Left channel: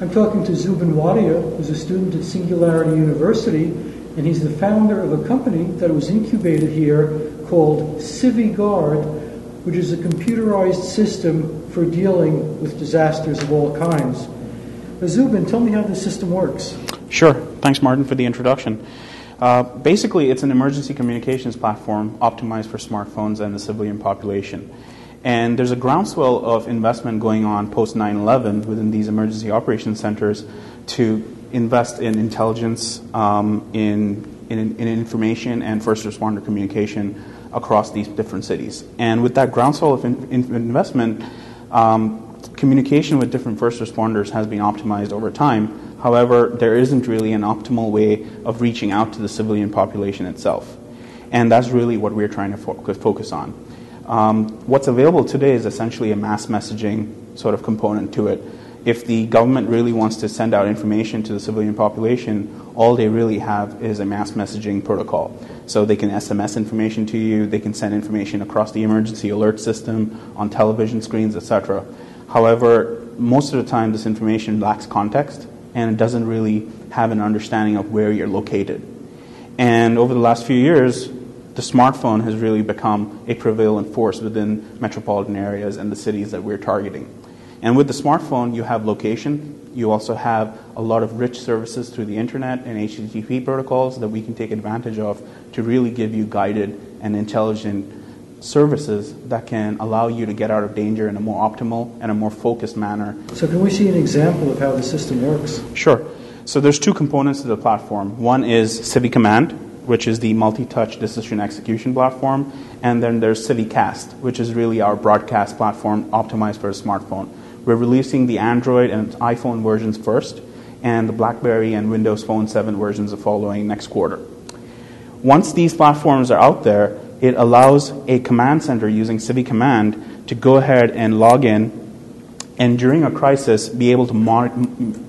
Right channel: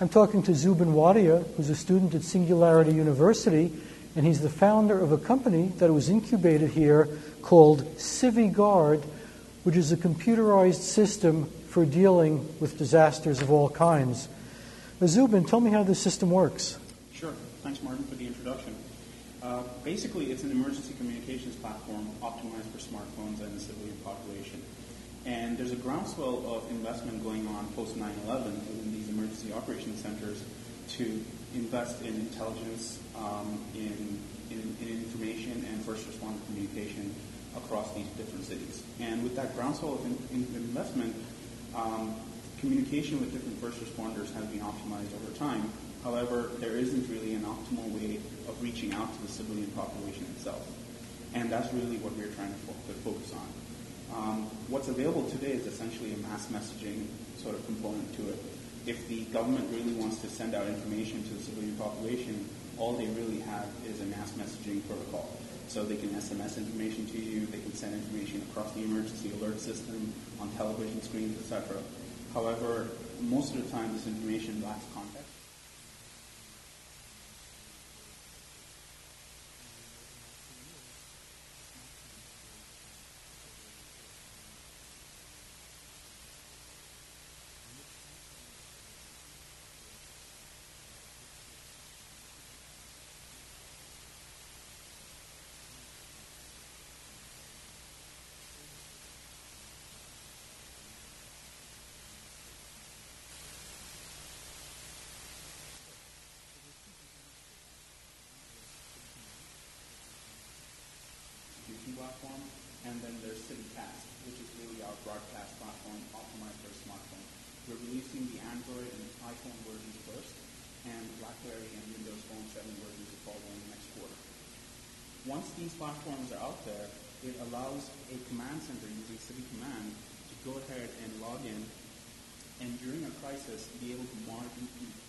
I'm talking to Zubin Wadia, who's a student at Singularity University, and he's the founder of a company that was incubated here called CiviGuard, which is a computerized system for dealing with disasters of all kinds. Zubin, tell me how this system works. Sure. Thanks, Martin, for the introduction. Basically, it's an emergency communications platform optimized for smartphones and the civilian population. And there's a groundswell of investment going on post 9/11 within these emergency operations centers to invest in intelligence, in information and first responder communication across these different cities. And with that groundswell of investment, communication with different first responders has been optimized over time. However, there isn't really an optimal way of reaching out to the civilian population itself. And that's really what we're trying to focus on. What's available today is essentially a mass messaging sort of component to it. If the government really wants to send out information to the civilian population, all they really have is a mass messaging protocol. So they can SMS information to you, they can send information across the emergency alert system, on television screens, etc. However, most of the time this information lacks context and it doesn't really have an understanding of where you're located. And over the last few years, the smartphone has really become a prevalent force within metropolitan areas and the cities that we're targeting. And with the smartphone, you have location. You also have a lot of rich services through the internet and HTTP protocols that we can take advantage of to really give you guided and intelligent services that can allow you to get out of danger in a more optimal and a more focused manner. So can we see an example of how the system works? Sure. So there's two components to the platform. One is CiviCommand, which is the multi-touch decision execution platform, and then there's CiviCast, which is really our broadcast platform optimized for a smartphone. We're releasing the Android and iPhone versions first, and the BlackBerry and Windows Phone 7 versions are following next quarter. Once these platforms are out there, it allows a command center using CiviCommand to go ahead and log in and during a crisis be able to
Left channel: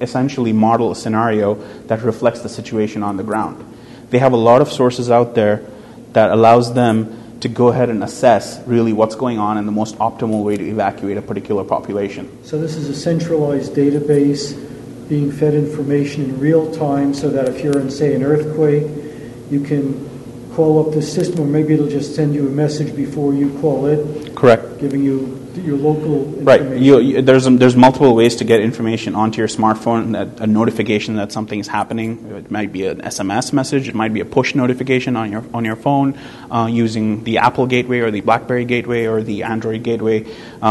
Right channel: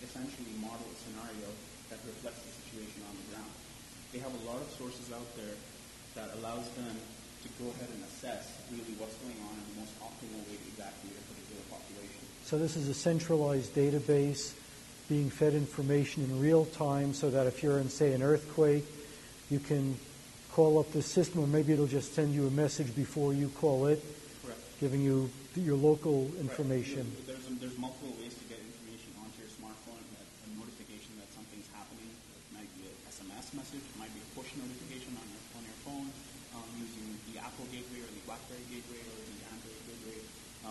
essentially model a scenario that reflects the situation on the ground. They have a lot of sources out there that allows them to go ahead and assess really what's going on and the most optimal way to evacuate a particular population. So this is a centralized database being fed information in real time so that if you're in, say, an earthquake, you can call up the system, or maybe it'll just send you a message before you call it. Correct. Giving you your local Right. information. There's multiple ways to get information onto your smartphone, a notification that something is happening. It might be an SMS message. It might be a push notification on your phone using the Apple gateway or the BlackBerry gateway or the Android gateway.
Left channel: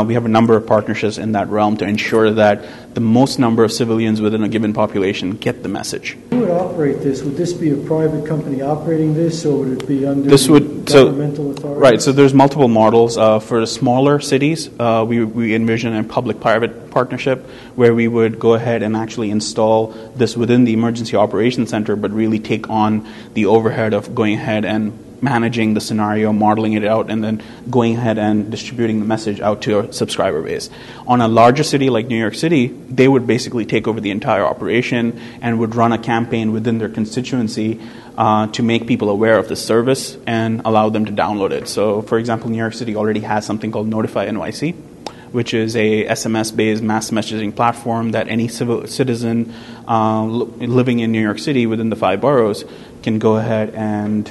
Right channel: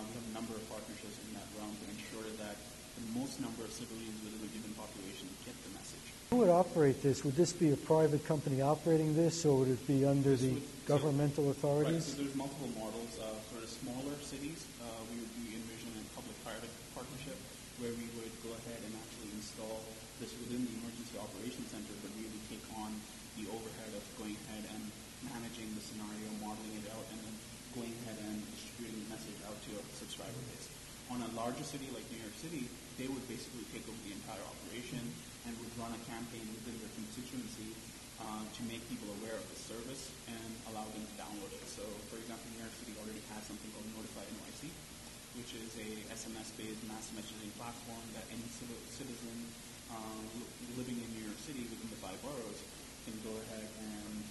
We have a number of partnerships in that realm to ensure that the most number of civilians within a given population get the message. Who would operate this? Would this be a private company operating this, or would it be under governmental authority? Right, so there's multiple models. For the smaller cities, we envision a public-private partnership where we would go ahead and actually install this within the Emergency Operations Center, but really take on the overhead of going ahead and managing the scenario, modeling it out, and then going ahead and distributing the message out to our subscriber base. On a larger city like New York City, they would basically take over the entire operation and would run a campaign within their constituency to make people aware of the service and allow them to download it. So, for example, New York City already has something called Notify NYC, which is a SMS-based mass messaging platform that any citizen living in New York City within the 5 boroughs can go ahead and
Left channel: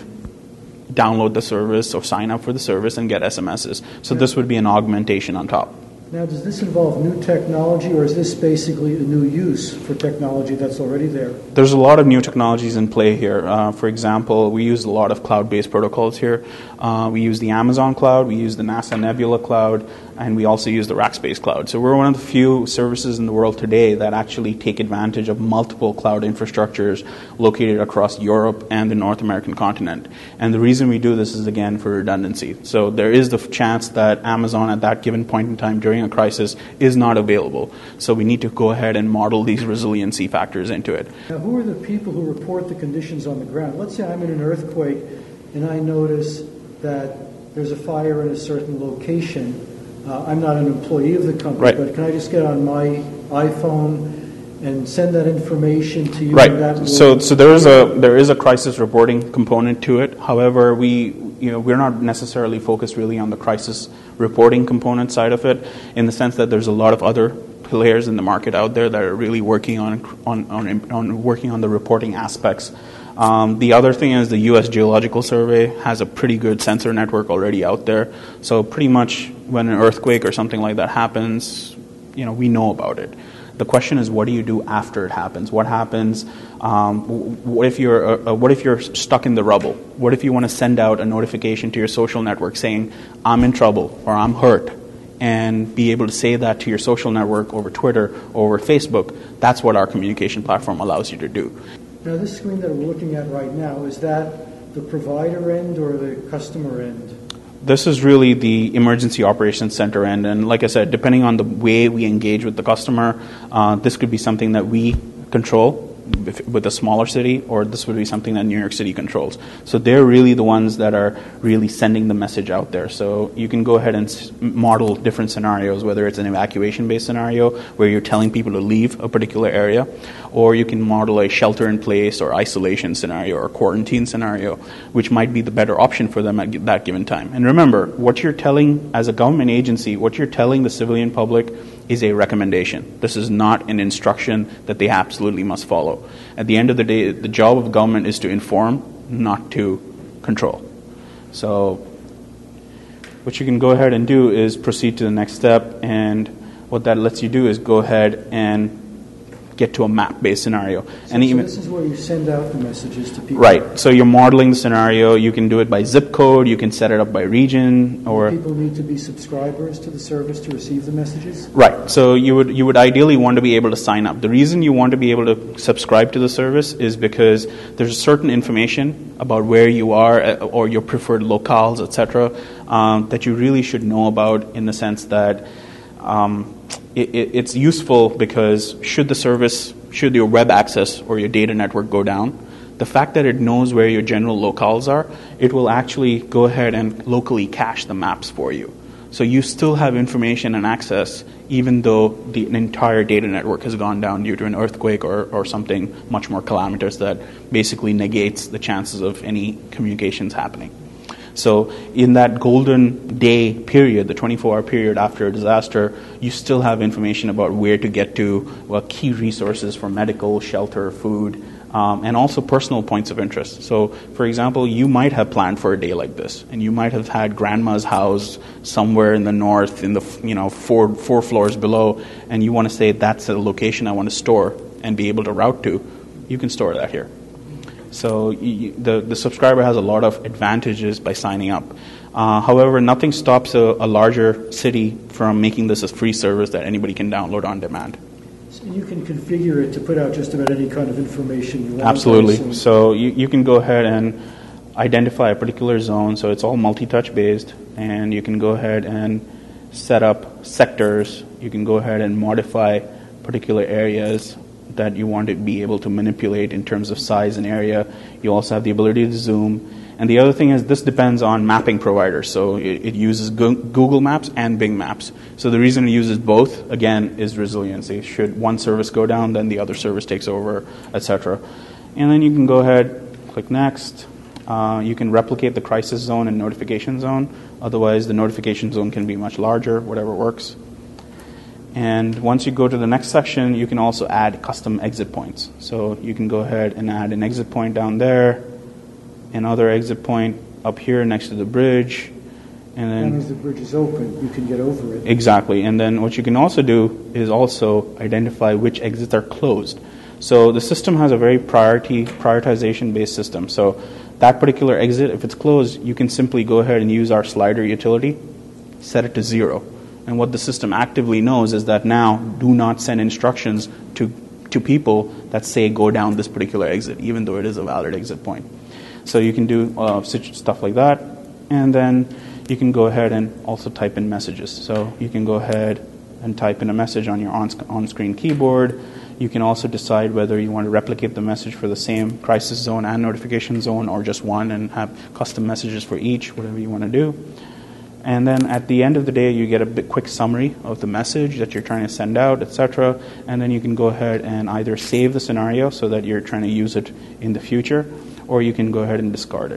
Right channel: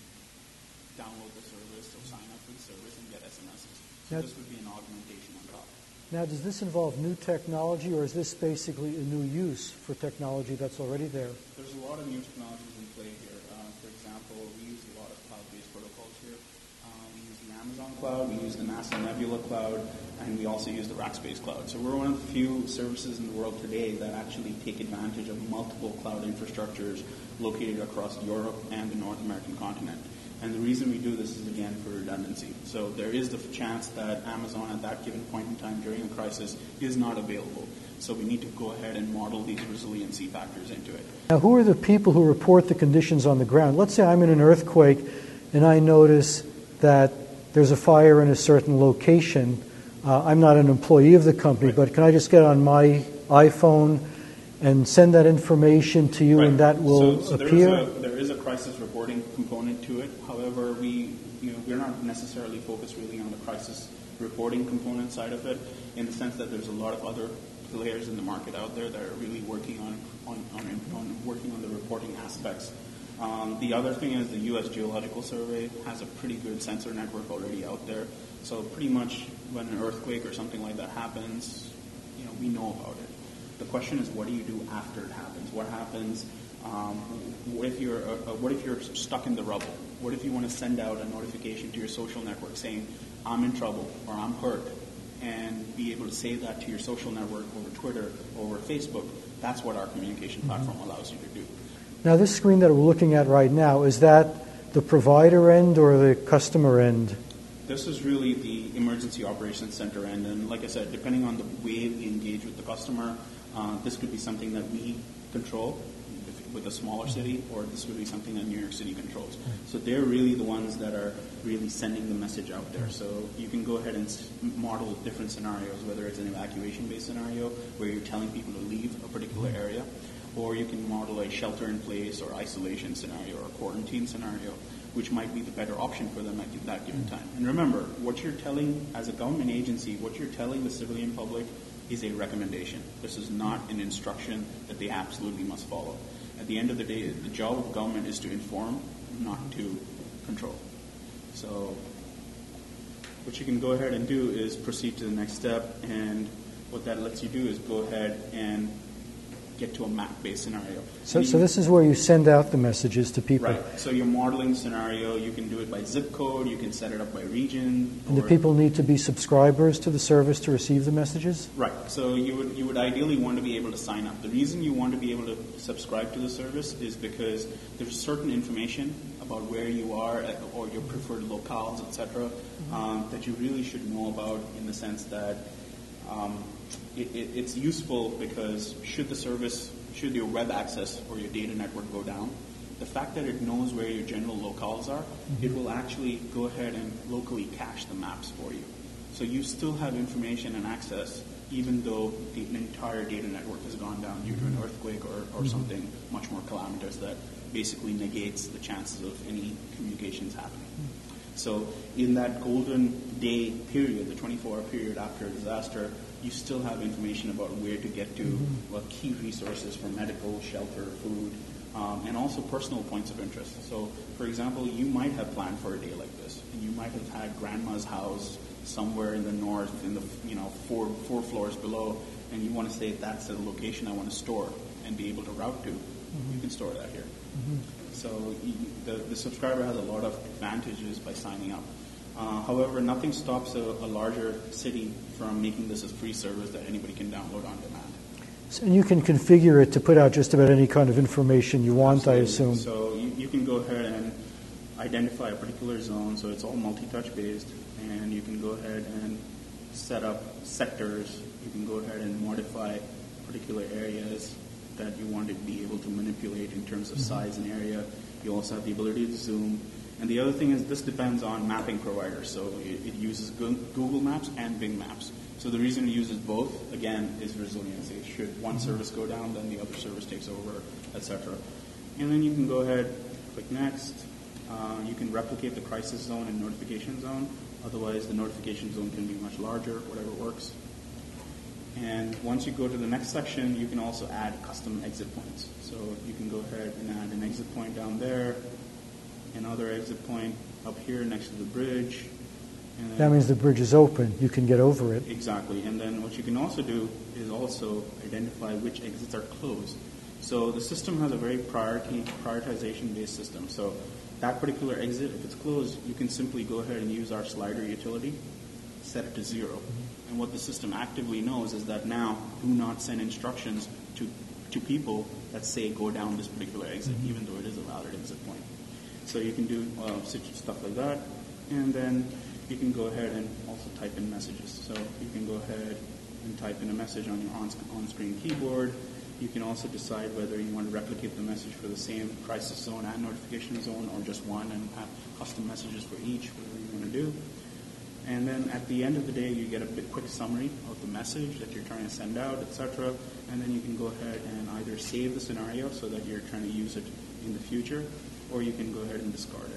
download the service or sign up for the service and get SMSs. So this would be an augmentation on top. Now, does this involve new technology, or is this basically a new use for technology that's already there? There's a lot of new technologies in play here. For example, we use a lot of cloud-based protocols here. We use the Amazon cloud, we use the NASA Nebula cloud, and we also use the Rackspace cloud. So we're one of the few services in the world today that actually take advantage of multiple cloud infrastructures located across Europe and the North American continent. And the reason we do this is, again, for redundancy. So there is the chance that Amazon at that given point in time during a crisis is not available. So we need to go ahead and model these resiliency factors into it. Now, who are the people who report the conditions on the ground? Let's say I'm in an earthquake and I notice that there's a fire in a certain location. I'm not an employee of the company, right. But can I just get on my iPhone and send that information to you? Right. And that will so there is a crisis reporting component to it. However, we're not necessarily focused really on the crisis reporting component side of it, in the sense that there's a lot of other players in the market out there that are really working on working on the reporting aspects. The other thing is the U.S. Geological Survey has a pretty good sensor network already out there. So pretty much when an earthquake or something like that happens, we know about it. The question is, what do you do after it happens? What happens? What if you're stuck in the rubble? What if you want to send out a notification to your social network saying, I'm in trouble or I'm hurt, and be able to say that to your social network over Twitter or over Facebook? That's what our communication platform allows you to do. Now, this screen that we're looking at right now, is that the provider end or the customer end? This is really the emergency operations center end, and like I said, depending on the way we engage with the customer, this could be something that we control with a smaller city, or this would be something that New York City controls. So they're really the ones that are really sending the message out there. So you can go ahead and model different scenarios, whether it's an evacuation-based scenario where you're telling people to leave a particular area, or you can model a shelter-in-place or isolation scenario or quarantine scenario, which might be the better option for them at that given time. And remember, what you're telling as a government agency, what you're telling the civilian public is a recommendation. This is not an instruction that they absolutely must follow. At the end of the day, the job of government is to inform, not to control. So what you can go ahead and do is proceed to the next step, and what that lets you do is go ahead and get to a map-based scenario. So this is where you send out the messages to people? Right. So you're modeling the scenario. You can do it by zip code. You can set it up by region. Or do people need to be subscribers to the service to receive the messages? Right. So you would ideally want to be able to sign up. The reason you want to be able to subscribe to the service is because there's certain information about where you are or your preferred locales, etc., that you really should know about, in the sense that it's useful because should your web access or your data network go down, the fact that it knows where your general locales are, it will actually go ahead and locally cache the maps for you. So you still have information and access even though the entire data network has gone down due to an earthquake or something much more calamitous that basically negates the chances of any communications happening. So in that golden day period, the 24-hour period after a disaster, you still have information about where to get to, key resources for medical, shelter, food, and also personal points of interest. So, for example, you might have planned for a day like this, and you might have had grandma's house somewhere in the north, in the four floors below, and you want to say that's a location I want to store and be able to route to. You can store that here. So the subscriber has a lot of advantages by signing up. However, nothing stops a larger city from making this a free service that anybody can download on demand. And you can configure it to put out just about any kind of information you want. Absolutely. So you can go ahead and identify a particular zone. So it's all multi-touch based, and you can go ahead and set up sectors. You can go ahead and modify particular areas that you want to be able to manipulate in terms of size and area. You also have the ability to zoom. And the other thing is this depends on mapping providers. So it uses Google Maps and Bing Maps. So the reason it uses both, again, is resiliency. Should one service go down, then the other service takes over, etc. And then you can go ahead, click Next. You can replicate the crisis zone and notification zone. Otherwise, the notification zone can be much larger, whatever works. And once you go to the next section, you can also add custom exit points. So you can go ahead and add an exit point down there, another exit point up here next to the bridge. And then that means the bridge is open. You can get over it. Exactly. And then what you can also do is also identify which exits are closed. So the system has a very prioritization-based system. So that particular exit, if it's closed, you can simply go ahead and use our slider utility, set it to 0. And what the system actively knows is that now do not send instructions to people that say go down this particular exit, even though it is a valid exit point. So you can do stuff like that. And then you can go ahead and also type in messages. So you can go ahead and type in a message on your on-screen keyboard. You can also decide whether you want to replicate the message for the same crisis zone and notification zone, or just one and have custom messages for each, whatever you want to do. And then at the end of the day, you get a quick summary of the message that you're trying to send out, etc. And then you can go ahead and either save the scenario so that you're trying to use it in the future, or you can go ahead and discard it.